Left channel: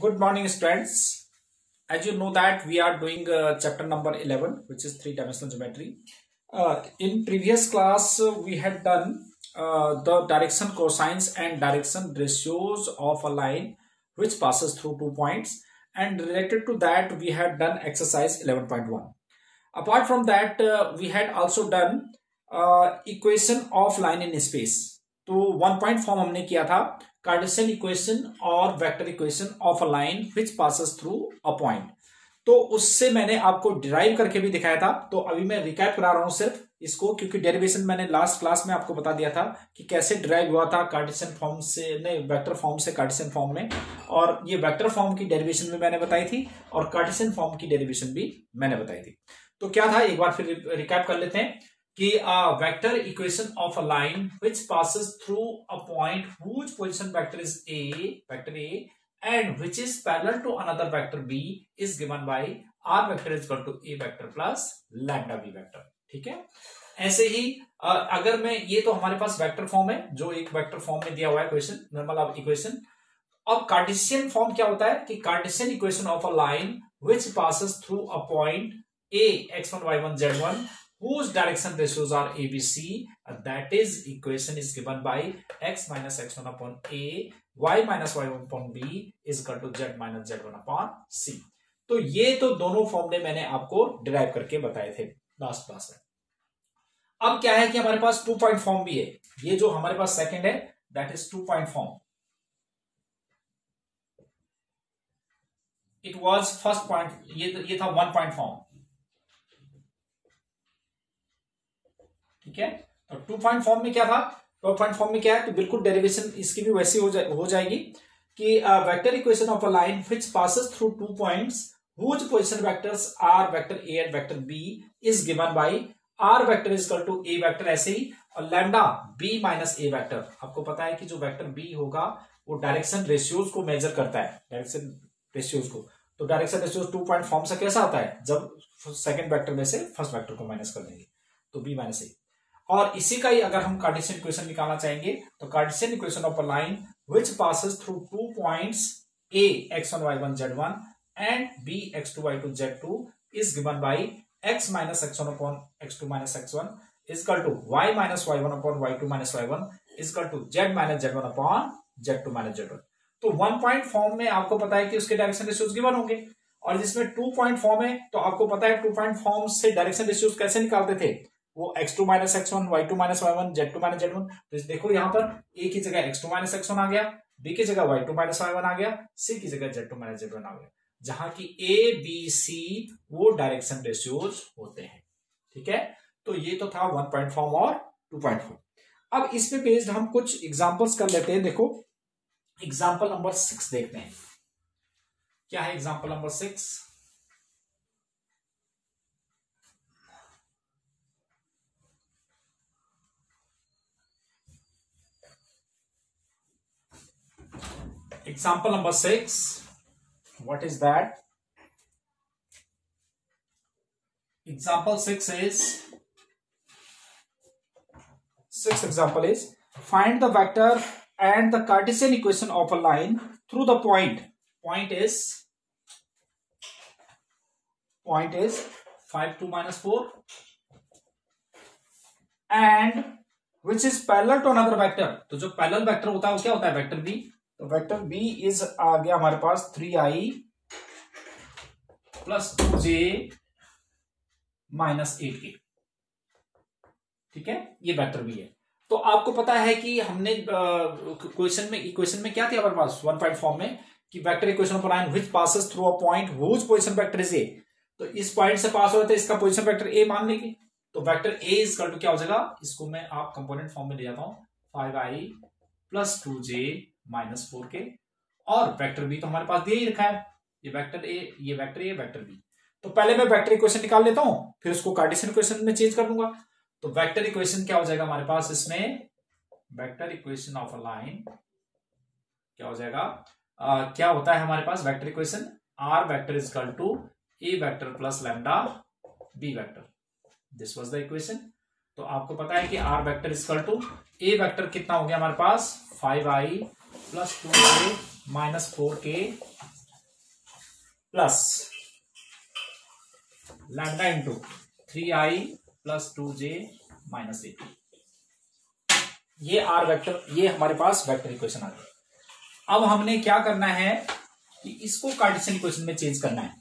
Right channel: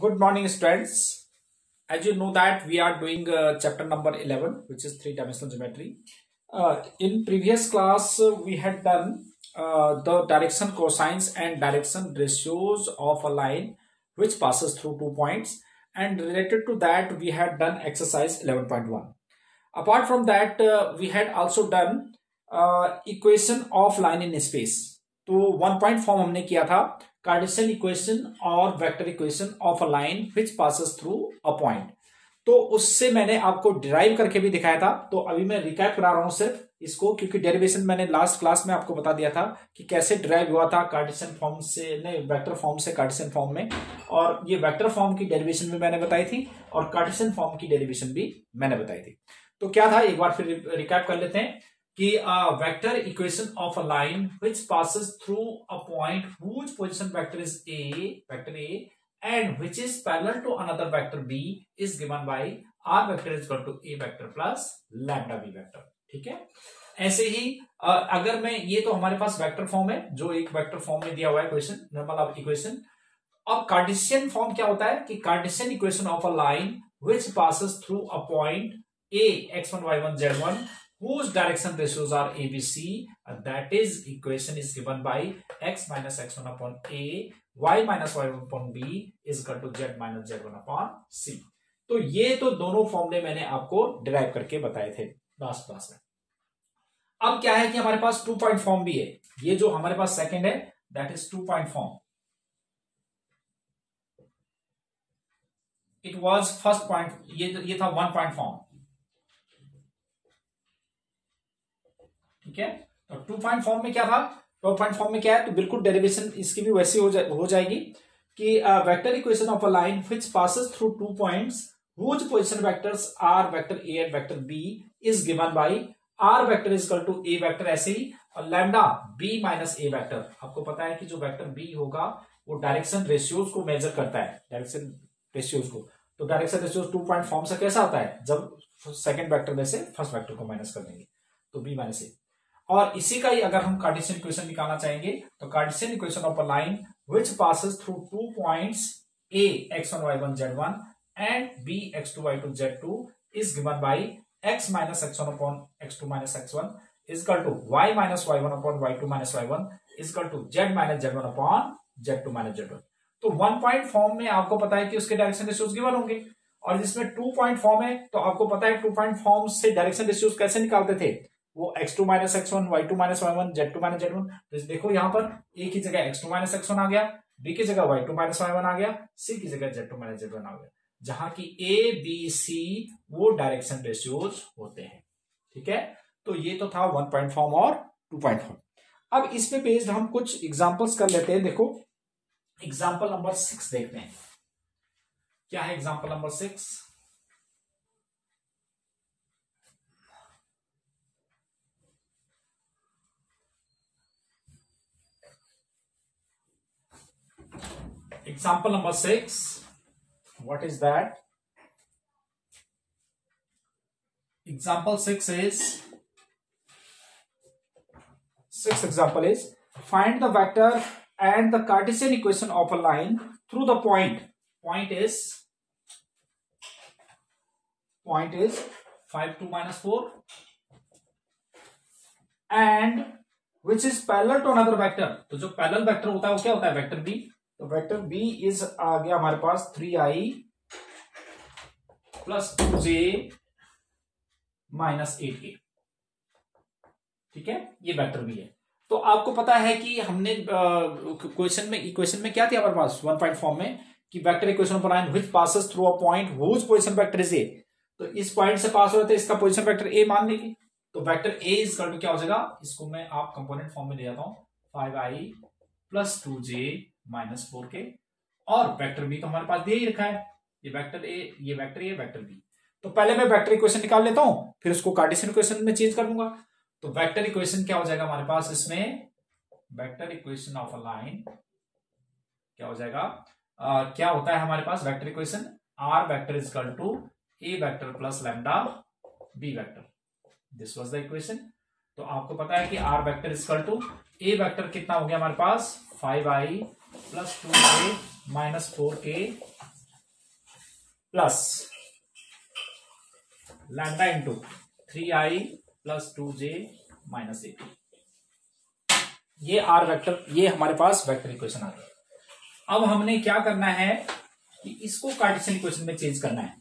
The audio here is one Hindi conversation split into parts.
Good morning, students. As you know that we are doing chapter number 11, which is three-dimensional geometry. In previous class, we had done the direction cosines and direction ratios of a line which passes through 2 points. And related to that, we had done exercise 11.1. Apart from that, we had also done equation of line in space. तो 1 पॉइंट फॉर्म हमने किया था कार्टेशियन इक्वेशन और vector equation of a line which passes through a point. तो उससे मैंने आपको डिराइव करके भी दिखाया था। तो अभी मैं रिकैप करा रहा हूं सिर्फ इसको, क्योंकि डेरिवेशन मैंने लास्ट क्लास में आपको बता दिया था कि कैसे डिराइव हुआ था कार्टेशियन फॉर्म से, नहीं वेक्टर फॉर्म से कार्टेशियन फॉर्म में। और ये वेक्टर फॉर्म की डेरिवेशन भी मैंने बताई थी और कार्टेशियन फॉर्म की डेरिवेशन भी मैंने बताई थी। तो क्या था, एक बार फिर रिकैप कर लेते हैं कि vector equation of a line which passes through a point whose position vector is A, vector A, and which is parallel to another vector B is given by are vector is equal to A vector plus lambda B vector. ठीक है, ऐसे ही अगर मैं, ये तो हमारे पास वेक्टर फॉर्म है जो एक वेक्टर फॉर्म में दिया हुआ है क्वेश्चन, नॉर्मल इक्वेशन। अब कार्टेशियन फॉर्म क्या होता है कि Cartesian equation of a line which passes through a point A x1 y1 z1 whose direction ratios are ABC, that is equation is given by x minus x1 upon a, y minus y1 upon b is equal to z minus z1 upon c। तो ये तो दोनों फॉर्मूले मैंने आपको डिराइव करके बताए थे लास्ट क्लास में। अब क्या है कि हमारे पास 2 पॉइंट फॉर्म भी है। ये जो हमारे पास सेकंड है that is 2 point form. It was first point, ये था 1 पॉइंट फॉर्म। ठीक है, तो 2 पॉइंट फॉर्म में क्या था, 2 पॉइंट फॉर्म में क्या है, तो बिल्कुल डेरिवेशन इसकी भी वैसी हो जाएगी कि vector equation of a line which passes through 2 points whose position vectors are vector A and vector B is given by are vector is equal to A vector, ऐसे ही और लैम्डा बी माइनस ए वेक्टर। आपको पता है कि जो वेक्टर बी होगा वो डायरेक्शन रेशियोज को मेजर करता है, डायरेक्शन रेशियोज को। तो डायरेक्शन रेशियोज 2 पॉइंट फॉर्म से कैसा आता है, जब सेकंड वेक्टर में से फर्स्ट वेक्टर को माइनस कर देंगे तो बी माइनस ए। और इसी का ही अगर हम कार्टेशियन इक्वेशन निकालना चाहेंगे तो Cartesian equation of a line which passes through 2 points a x1 y1 z1 and b x2 y2 z2 is given bye x minus x1 upon x2 minus x1 is equal to y minus y1 upon y2 minus y1 is equal to z minus z1 upon z2 minus z1। तो 1 पॉइंट फॉर्म में आपको पता है कि उसके डायरेक्शन रेशियोज गिवन होंगे, और जिसमें 2 पॉइंट फॉर्म है तो आपको पता है 2 पॉइंट फॉर्म से डायरेक्शन रेशियोज कैसे निकालते थे, वो x2 minus x1, y2 minus y1, z2 minus z1। तो देखो यहां पर a की जगह x2 माइनस x1 आ गया, b की जगह y2 माइनस y1 आ गया, c की जगह z2 माइनस z1 आ गया, जहां की a b c वो डायरेक्शन रेशियोज होते हैं। ठीक है, तो ये तो था 1 पॉइंट फॉर्म और 2 पॉइंट फॉर्म। अब इसमें बेस्ड हम कुछ एग्जांपल्स कर लेते हैं। देखो एग्जांपल नंबर 6 देखते हैं, क्या है example number 6। Example number 6, what is that? Example 6 is, sixth example is, find the vector and the Cartesian equation of a line through the point. Point is 5 2 minus 4 and which is parallel to another vector। तो जो पैरेलल वेक्टर होता है वो क्या होता है, वेक्टर बी। तो वेक्टर बी इज आ गया हमारे पास 3i plus 2j minus 8k। ठीक है, ये वेक्टर बी है। तो आपको पता है कि हमने इक्वेशन में क्या थी हमारे पास 1 पॉइंट फॉर्म में कि vector equation of line which passes through a point whose position vector is A. तो इस पॉइंट से पास हो रहे थे, इसका पोजीशन वेक्टर ए मान लेंगे, तो vector A is equal to क्या हो जाएगा, इसको मैं आप कंपोनेंट फॉर्म में ले जाता हूं 5i plus 2j minus 4k, और वेक्टर बी तो हमारे पास दे ही रखा है, ये वेक्टर ए, ये वेक्टर ए, वेक्टर बी। तो पहले मैं वेक्टर इक्वेशन निकाल लेता हूं, फिर उसको कार्टेशियन इक्वेशन में चेंज कर दूंगा। तो वेक्टर इक्वेशन क्या हो जाएगा हमारे पास, इसमें vector equation of a line क्या हो जाएगा, क्या होता है हमारे पास vector equation, R vector is equal to A vector plus lambda B vector. This was the equation. तो आपको पता है कि R vector is equal to A vector कितना हो गया हमारे पास 5i plus 2k minus 4k plus lambda into 3i plus 2j minus 18। ये आर वेक्टर, ये हमारे पास वेक्टर इक्वेशन आ गई। अब हमने क्या करना है कि इसको कार्टेशियन इक्वेशन में चेंज करना है।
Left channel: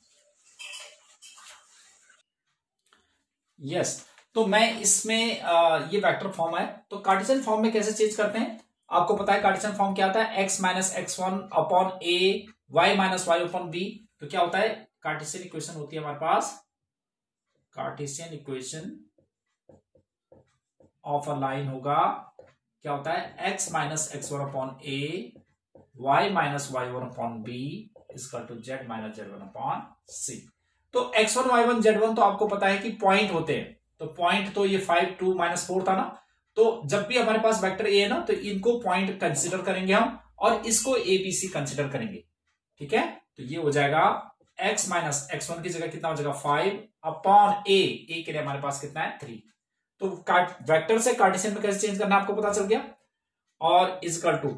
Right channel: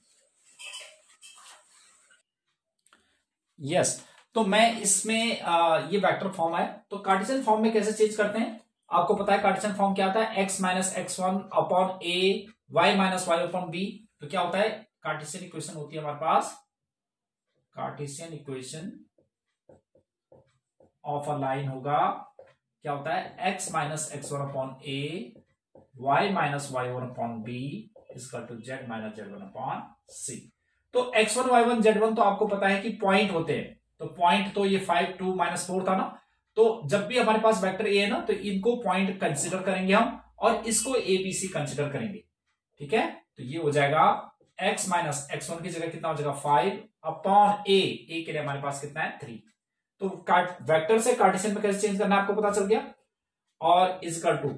यस, तो मैं इसमें ये वेक्टर फॉर्म है, तो कार्टेशियन फॉर्म में कैसे चेंज करते हैं आपको पता है। कार्टेशियन फॉर्म क्या होता है, x minus x1 upon A, y minus y upon B. तो क्या होता है, कार्टेशियन इक्वेशन होती है हमारे पास, Cartesian equation of a line होगा, क्या होता है, x minus x1 upon A, y minus y1 upon B equal to z minus z1 upon C. तो x1 y1 z1 तो आपको पता है कि पॉइंट होते हैं, तो पॉइंट तो ये 5 2 माइनस 4 था ना, तो जब भी हमारे पास वेक्टर ए है ना, तो इनको पॉइंट कंसिडर करेंगे हम और इसको ए बी सी कंसिडर करेंगे। ठीक है, तो ये हो जाएगा x माइनस x1 की जगह कितना हो जाएगा 5 अपॉन ए के लिए हमारे पास कितना है 3। तो वेक्टर से कार्टेशियन में कैसे चेंज करना है आपको पता चल गया। और is equal to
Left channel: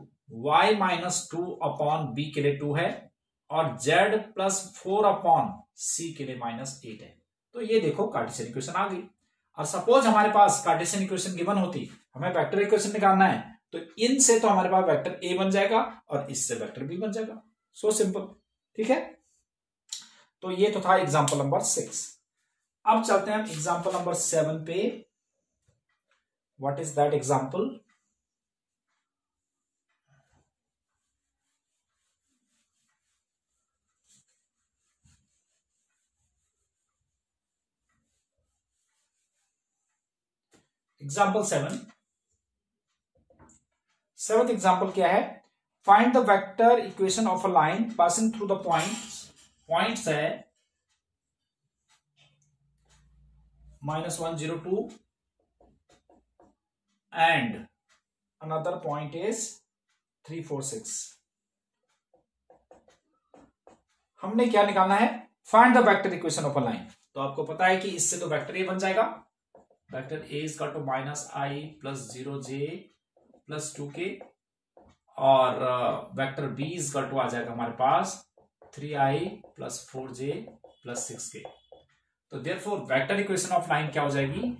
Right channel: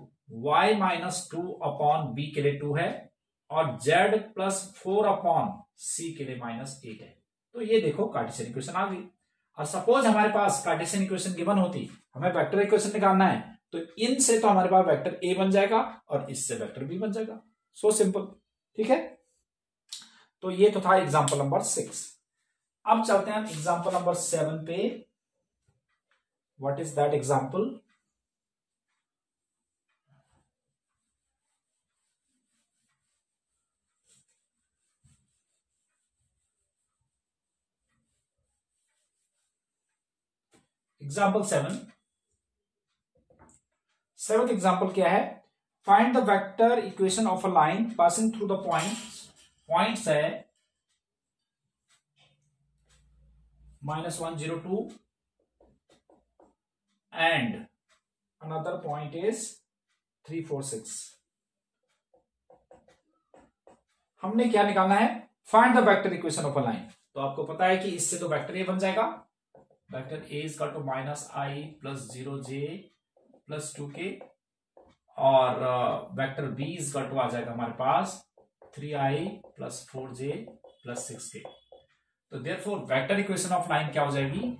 y minus 2 upon b के लिए 2 है और z प्लस 4 अपॉन सी के लिए माइनस 8 है। तो ये देखो कार्टेशियन इक्वेशन आ गई। और सपोज हमारे पास कार्टेशियन इक्वेशन गिवन होती, हमें वेक्टर इक्वेशन निकालना है, तो इनसे तो हमारे पास वेक्टर ए बन जाएगा और इससे वेक्टर बी बन जाएगा। So simple. ठीक है, तो ये तो था एग्जांपल नंबर 6। अब चलते हैं हम एग्जांपल नंबर 7 पे। What is that example? Example 7th example क्या है, find the vector equation of a line passing through the points है -1 0 2 एंड अनदर पॉइंट इज 3 4 6। हमने क्या निकालना है, find the vector equation of a line. तो आपको पता है कि इससे तो वेक्टर ए बन जाएगा, vector A is equal to -i plus 0j plus 2k और vector B is equal to आ जाएगा हमारे पास 3i plus 4j plus 6k। तो therefore vector equation of line क्या हो जाएगी,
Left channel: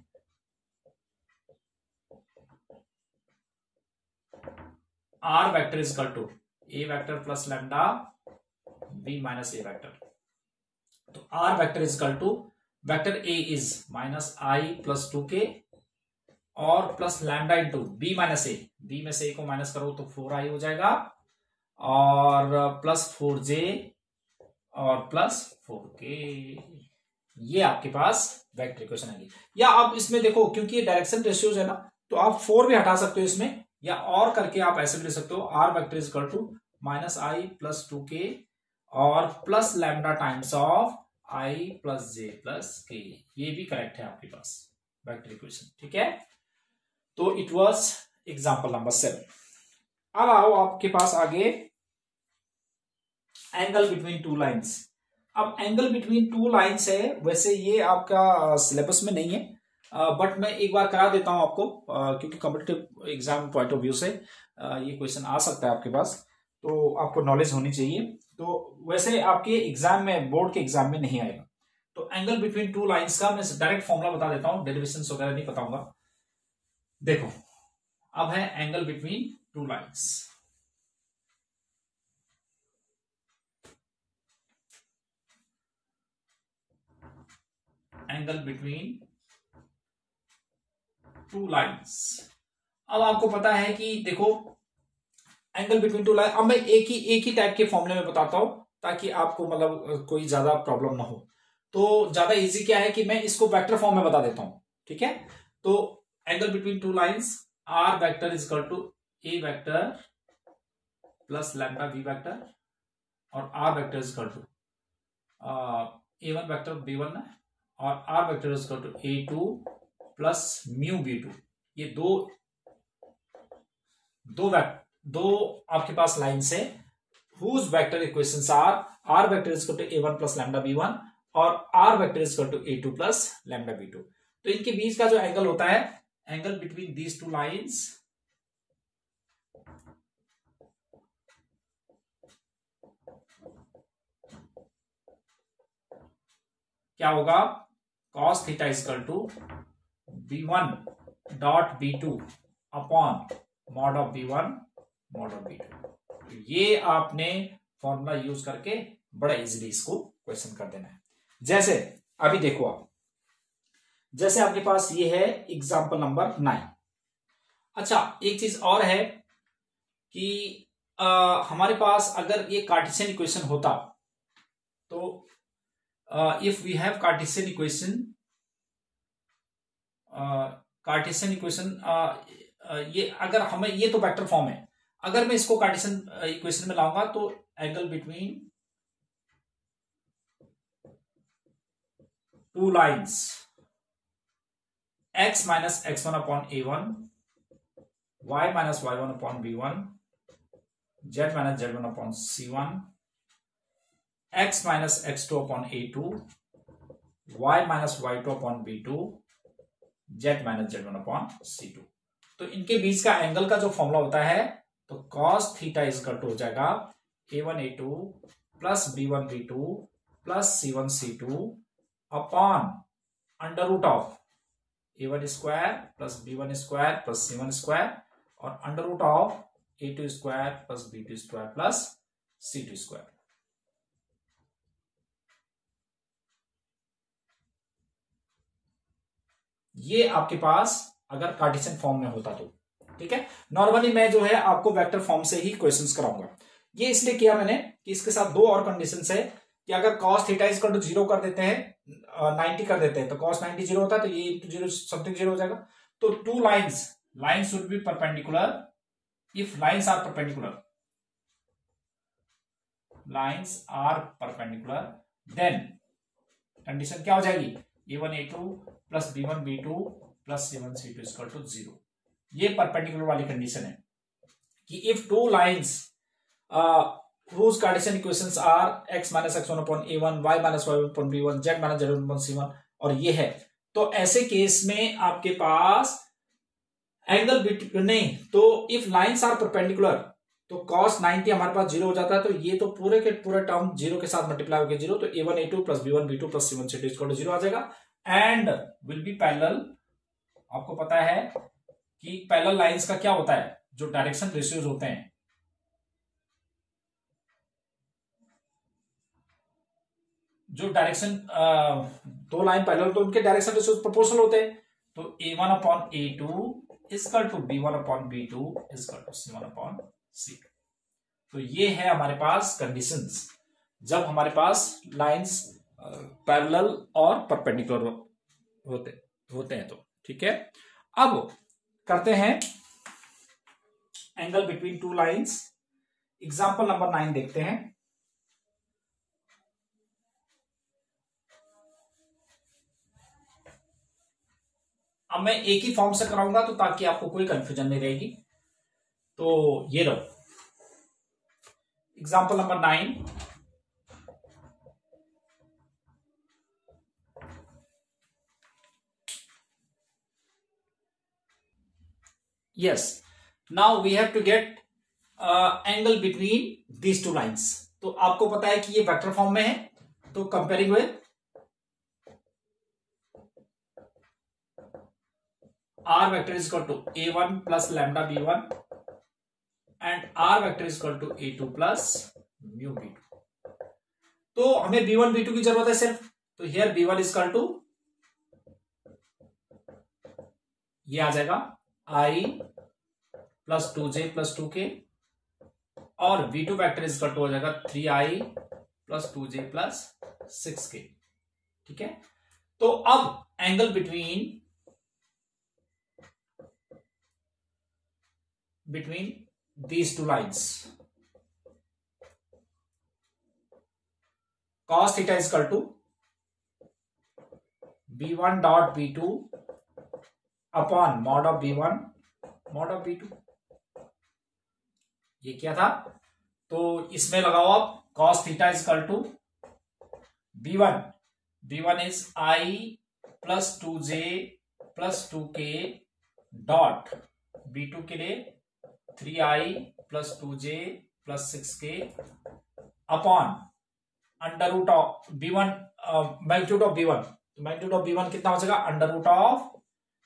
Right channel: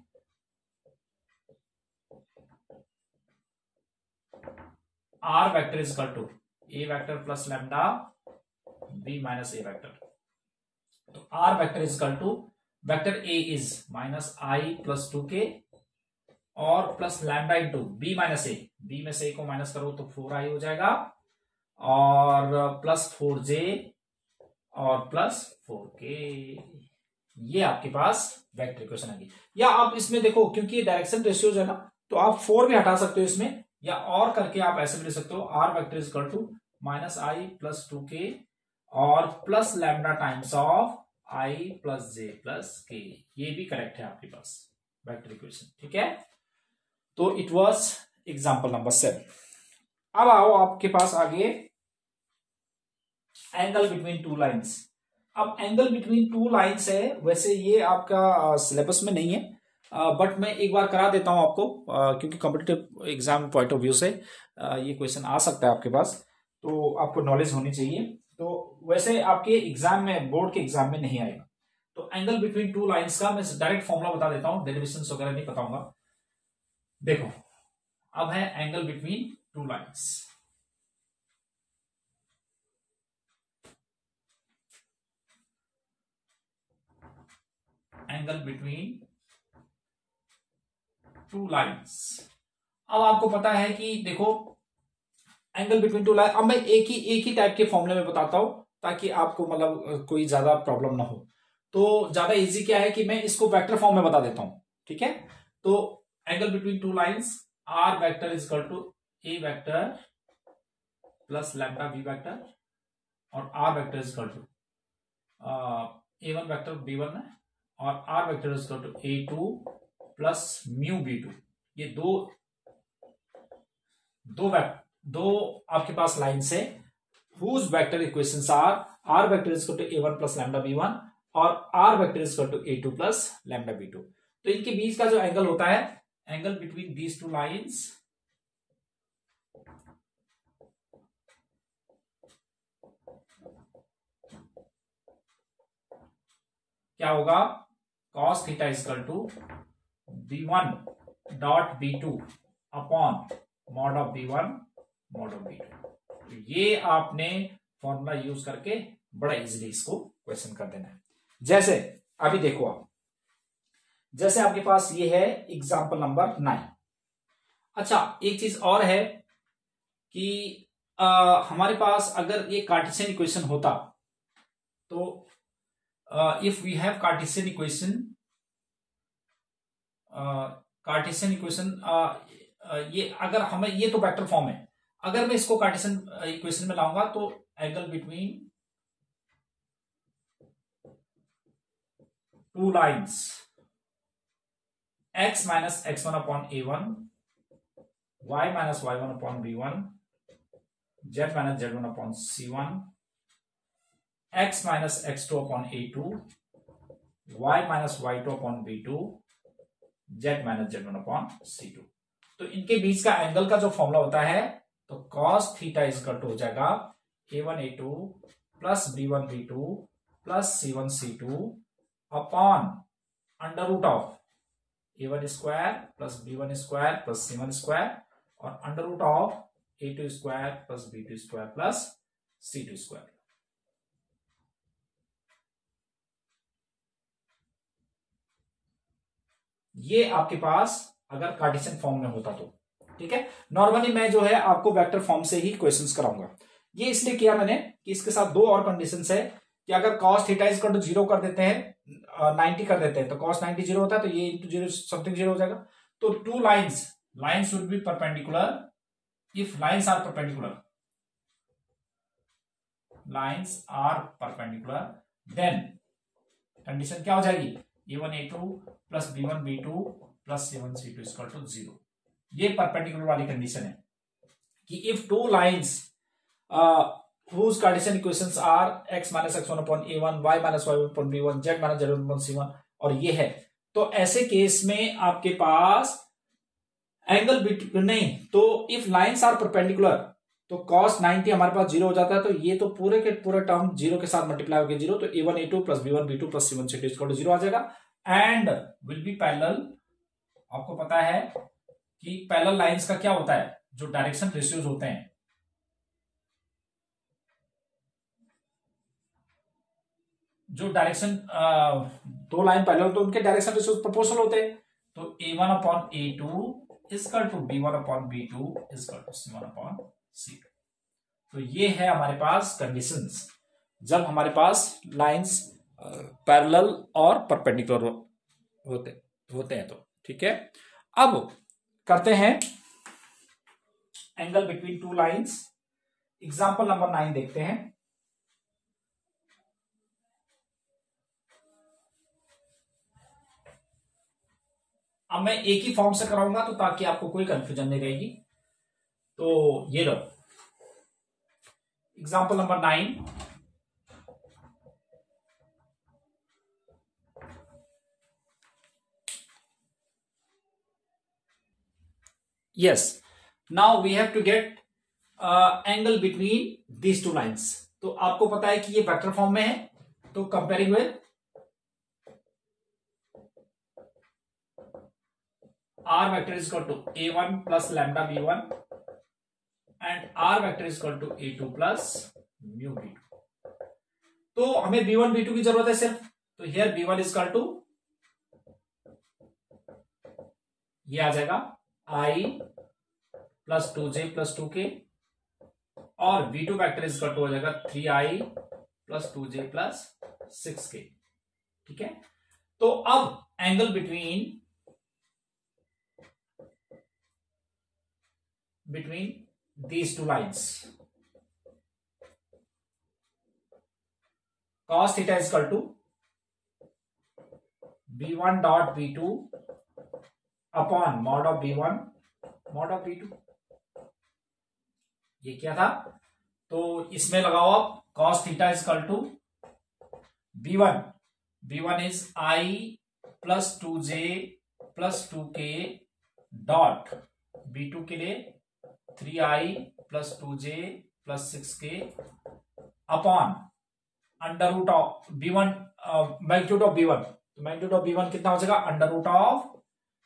R vector is equal to A vector plus lambda B minus A vector. तो R vector is equal to vector A is -i plus 2k और plus lambda into B minus ए, बी में से ए को माइनस करो तो 4i हो जाएगा और प्लस 4j और प्लस 4k। ये आपके पास वेक्टर इक्वेशन आएगी। या आप इसमें देखो, क्योंकि ये डायरेक्शन रेशियोज है ना, तो आप 4 भी हटा सकते हो इसमें, या और करके आप ऐसे भी लिख सकते हो, r vector is equal to -i plus 2k और plus lambda times of i plus j plus k। ये भी करेक्ट है आपके पास वेक्टर इक्वेशन। ठीक है, तो इट वाज एग्जांपल नंबर 7। अब आओ आपके पास आगे एंगल बिटवीन टू लाइंस। अब एंगल बिटवीन टू लाइंस है, वैसे ये आपका सिलेबस में नहीं है, बट मैं एक बार करा देता हूं आपको, क्योंकि competitive exam point of view से ये क्वेश्चन आ सकता है आपके पास, तो आपको नॉलेज होनी चाहिए। तो वैसे आपके एग्जाम में, बोर्ड के एग्जाम में नहीं आएगा। तो एंगल बिटवीन टू लाइंस का मैं डायरेक्ट फॉर्मूला बता देता हूं, डेरिवेशंस वगैरह नहीं बताऊंगा। देखो, अब है angle between two lines. Angle between two lines. अब आपको पता है कि देखो एंगल बिटवीन टू लाइन, अब मैं एक ही टाइप के फॉर्मूले में बताता हूं ताकि आपको मतलब कोई ज्यादा प्रॉब्लम ना हो। तो ज्यादा इजी क्या है कि मैं इसको वेक्टर फॉर्म में बता देता हूं। ठीक है, तो angle between two lines, R vector is equal to A vector plus lambda B vector और R vector is equal to a1 vector b1 है और R vector is equal to a2 plus mu b2। ये दो आपके पास लाइन्स है whose vector equations R vector is equal to a1 plus lambda b1 और R vector is equal to a2 plus lambda b2। तो इनके बीच का जो एंगल होता है, angle between these two lines क्या होगा, cos theta is equal to b1 dot b2 upon mod of b1 mod of b2। ये आपने फॉर्मूला यूज करके बड़ा इजीली इसको क्वेश्चन कर देना है। जैसे अभी देखो आप, जैसे आपके पास ये है एग्जांपल नंबर 9। अच्छा, एक चीज और है कि हमारे पास अगर ये कार्टेशियन इक्वेशन होता तो if we have Cartesian equation ये अगर हमें, ये तो वेक्टर फॉर्म है, अगर मैं इसको कार्टेशियन इक्वेशन में लाऊंगा तो angle between two lines x minus x1 upon a1, y minus y1 upon b1, z minus z1 upon c1, x minus x2 upon a2, y minus y2 upon b2, z minus z1 upon c2। तो इनके बीच का एंगल का जो फॉर्मूला होता है तो cos थीटा इजकल टू हो जाएगा a1 a2 plus b1 b2 plus c1 c2 upon under root of a1 square plus b1 square plus c1 square और under root of a2 square plus b2 square plus c2 square. ये आपके पास अगर कार्टेशियन फॉर्म में होता तो ठीक है। नॉर्मली मैं जो है आपको वेक्टर फॉर्म से ही क्वेश्चंस कराऊंगा। ये इसलिए किया मैंने कि इसके साथ दो और कंडीशंस है कि अगर cos थीटा इजकल टू 0 कर देते हैं, 90 कर देते हैं, तो cos 90 0 होता है, तो ये इंटू 0 समथिंग 0 हो जाएगा। तो two lines would be perpendicular if lines are perpendicular then condition क्या हो जाएगी, a1 a2 plus b1 b2 plus c1 c2 is equal to 0। ये परपेंडिकुलर वाली कंडीशन है कि if two lines whose Cartesian equations are x minus x1 upon a1, y minus y1 upon b1, z minus z1 upon c1 और ये है, तो ऐसे केस में आपके पास एंगल नहीं, तो इफ लाइन्स आर परपेंडिकुलर तो cos 90 हमारे पास 0 हो जाता है, तो ये तो पूरे के पूरे टर्म 0 के साथ मल्टीप्लाई होकर 0, तो a1 a2 plus b1 b2 plus c1 c2 equal to 0 आ जाएगा एंड विल बी पैरेलल। आपको पता है कि पैरेलल लाइंस का क्या होता है, जो डायरेक्शन रेशियोज होते हैं, जो डायरेक्शन दो लाइन पैरेलल तो उनके डायरेक्शन रेशियोज प्रोपोर्शनल होते हैं। तो a1 upon a2 is equal to b1 upon b2 is equal to c1 upon c2। तो ये है हमारे पास कंडीशंस जब हमारे पास लाइंस पैरेलल और परपेंडिकुलर होते हैं तो ठीक है। अब करते हैं angle between two lines. Example number 9 देखते हैं। अब मैं एक ही फॉर्म से कराऊंगा तो ताकि आपको कोई कंफ्यूजन नहीं रहेगी। तो ये लो example number 9। Yes, now we have to get angle between these two lines। तो आपको पता है कि ये वेक्टर फॉर्म में है, तो comparing with r vector is equal to a1 plus lambda b1 and r vector is equal to a2 plus mu b2। तो हमें b1 b2 की जरूरत है सिर्फ, तो here b1 is equal to ये आ जाएगा i plus 2j plus 2k और v2 vector is equal to हो जाएगा 3i plus 2j plus 6k। ठीक है, तो अब angle between these two lines, cos theta is equal to b1 dot b2 upon mod of b1 mod of b2। ये क्या था, तो इसमें लगाओ आप cos theta is equal to b1 is i plus 2j plus 2k dot b2 के लिए 3i plus 2j plus 6k upon under root of b1 magnitude of b1, magnitude of b1 कितना हो जाएगा अंडर रूट ऑफ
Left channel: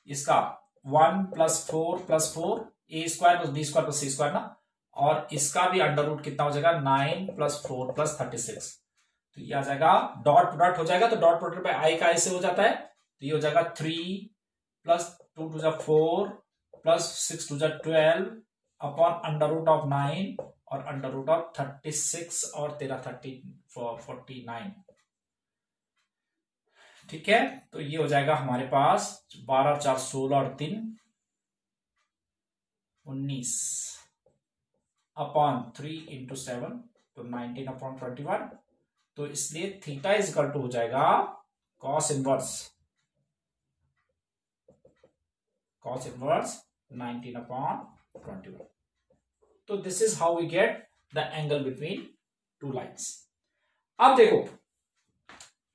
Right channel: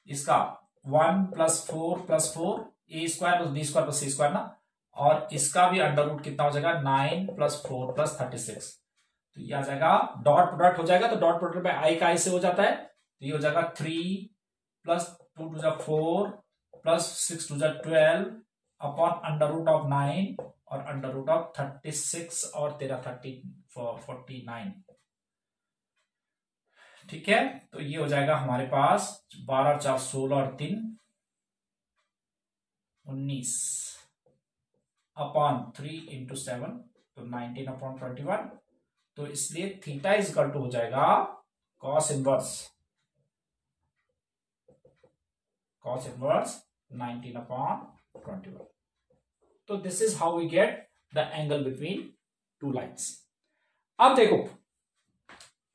इसका 1 + 4 + 4 a² + b² + c² ना, और इसका भी अंडर रूट कितना हो जाएगा 9 + 4 + 36। तो ये आ जाएगा डॉट प्रोडक्ट हो जाएगा, तो डॉट प्रोडक्ट में i का i से हो जाता है, तो ये हो जाएगा 3 + 2 * 4 + 6 * 12 अपॉन अंडर रूट ऑफ 9 और अंडर रूट ऑफ 36 और 49। ठीक है, तो ये हो जाएगा हमारे पास 12 × 4 = 16 और 3 19 अपॉन 3 × 7 तो 19/21। तो इसलिए थीटा = हो जाएगा cos इनवर्स 19/21। तो this is how we get the angle between two lines. अब देखो,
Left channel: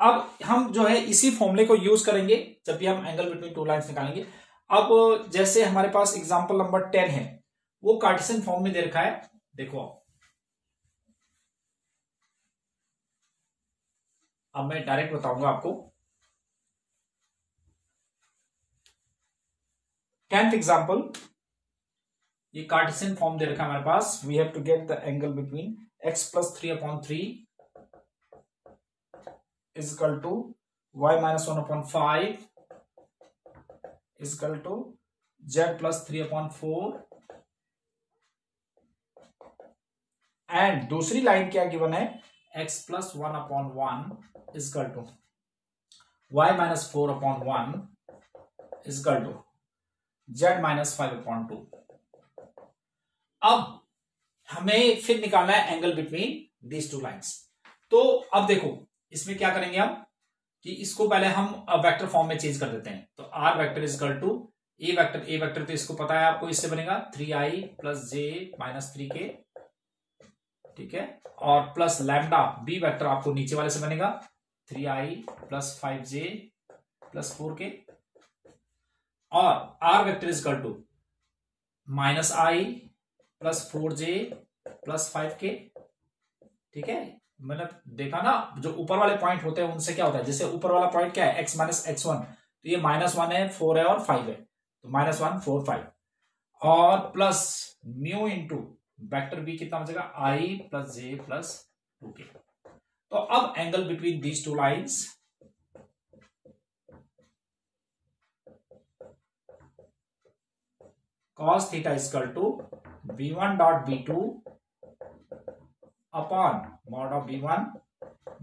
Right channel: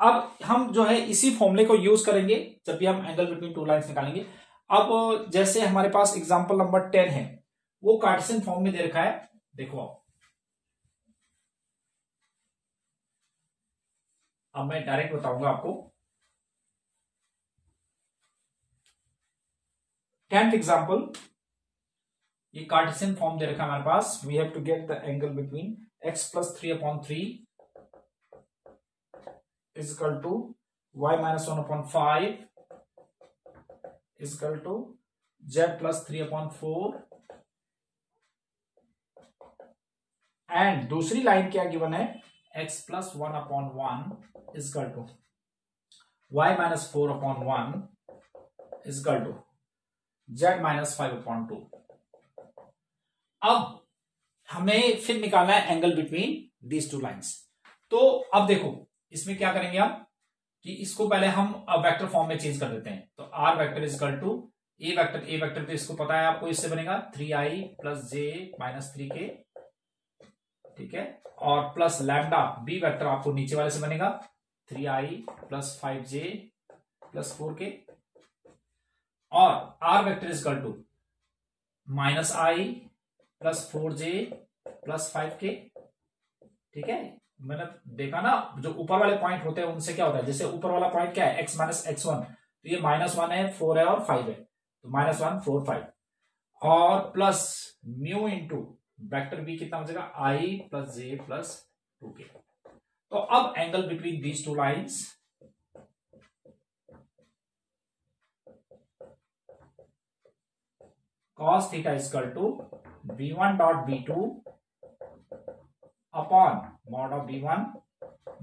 अब हम जो है इसी फॉर्मूले को यूज करेंगे जब भी हम एंगल बिटवीन टू लाइन्स निकालेंगे। अब जैसे हमारे पास एग्जांपल नंबर 10 है, वो कार्टेशियन फॉर्म में दे रखा है। देखो अब मैं डायरेक्ट बताऊंगा आपको। 10th एग्जांपल, ये कार्टेशियन फॉर्म दे रखा है हमारे पास। We have to get the angle between x + 3/3 = y - 1/5 = z + 3/4। And दूसरी लाइन क्या गिवन है, x + 1/1 = y - 4/1 = z - 5/2। अब हमें फिर निकालना है angle between these two lines. तो अब देखो इसमें क्या करेंगे हम कि इसको पहले हम वेक्टर फॉर्म में चेंज कर देते हैं। तो r वेक्टर = a वेक्टर तो इसको पता है आपको, इससे बनेगा 3i + j - 3k, ठीक है, और प्लस लैम्डा b वेक्टर आपको नीचे वाले से बनेगा 3i + 5j + 4k, और r vector = -i + 4j + 5k। ठीक है, मतलब देखा ना, जो ऊपर वाले पॉइंट होते हैं उनसे क्या होता है, जैसे ऊपर वाला पॉइंट क्या है x - x1, तो ये -1 है, 4 है और 5 है, तो -1 4 5, और plus mu into vector b कितना हो जाएगा i + j + 2k। तो अब angle between these two lines cos theta = b1.b2 upon mod of b1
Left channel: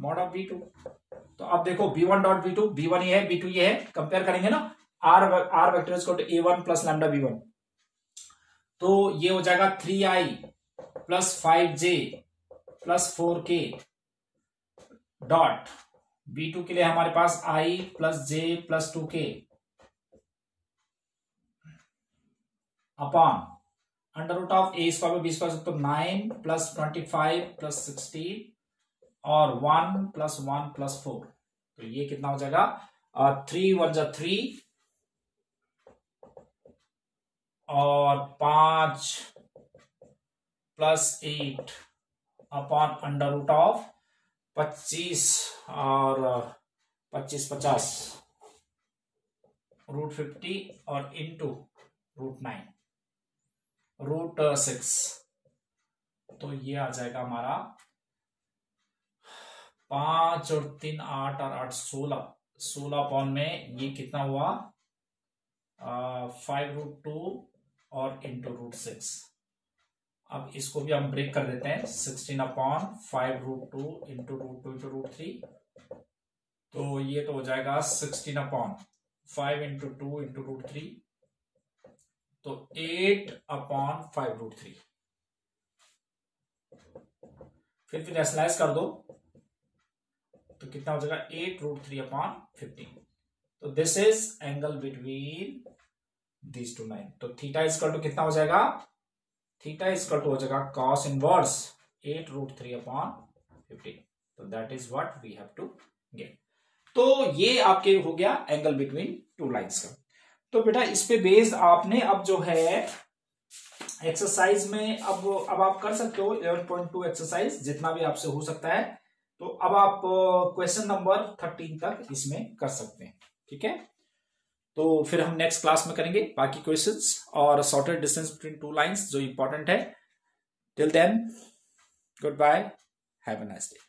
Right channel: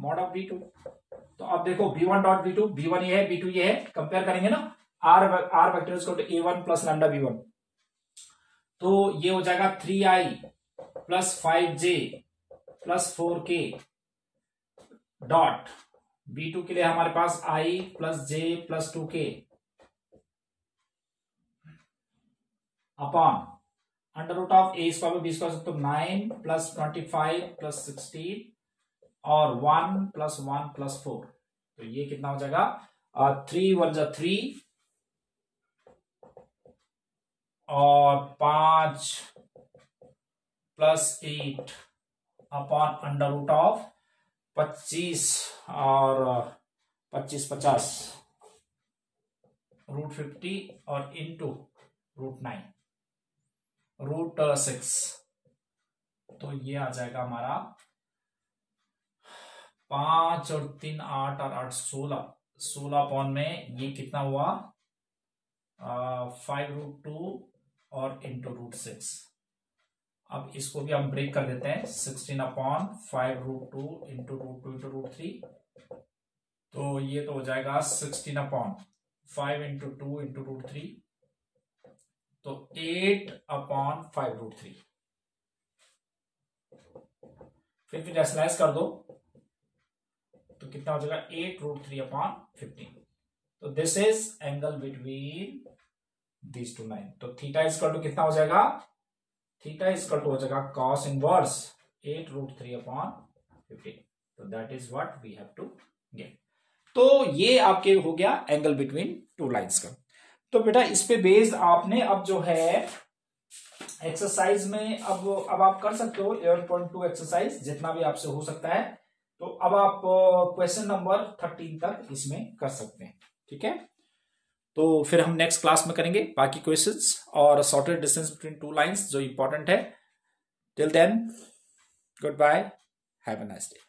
mod of b2। तो अब देखो b1.b2, b1 ये है, b2 ये है, कंपेयर करेंगे ना, r vector = a1 + lambda b1, तो ये हो जाएगा 3i + 5j + 4k dot b2 के लिए हमारे पास i + j + 2k upon under root of a² + b², तो 9 + 25 + 16 और 1 + 1 + 4, तो ये कितना हो जाएगा 3 × 1 = 3 और 5 + 8 अपॉन अंडर रूट ऑफ 25 और 25 50 √50 और इंटू √9 √6। तो ये आ जाएगा हमारा 5 और 3 8 और 8 16 अपॉन में ये कितना हुआ 5√2 और इंटू √6। अब इसको भी हम ब्रेक कर देते हैं, 16 अपॉन 5√2 इंटू √3, तो ये तो हो जाएगा 16 अपॉन 5 इंटू 2 इंटू √3, तो 8 अपॉन 5√3। फिर रैशनलाइज कर दो तो कितना हो जाएगा 8√3 अपॉन 15। तो this is angle between these to line. तो थीटा = कितना हो जाएगा, थीटा = हो जाएगा cos इनवर्स 8√3 अपॉन 15। तो that is what we have to get. तो ये आपके हो गया एंगल बिटवीन टू लाइंस का। तो बेटा इस पे बेस्ड आपने अब जो है एक्सरसाइज में अब आप कर सकते हो 11.2 एक्सरसाइज, जितना भी आपसे हो सकता है तो अब आप क्वेश्चन नंबर 13 तक इसमें कर सकते हैं। ठीक है, तो फिर हम नेक्स्ट क्लास में करेंगे बाकी क्वेश्चंस और shortest distance between two lines जो इंपॉर्टेंट है। Till then, good bye, have a nice day.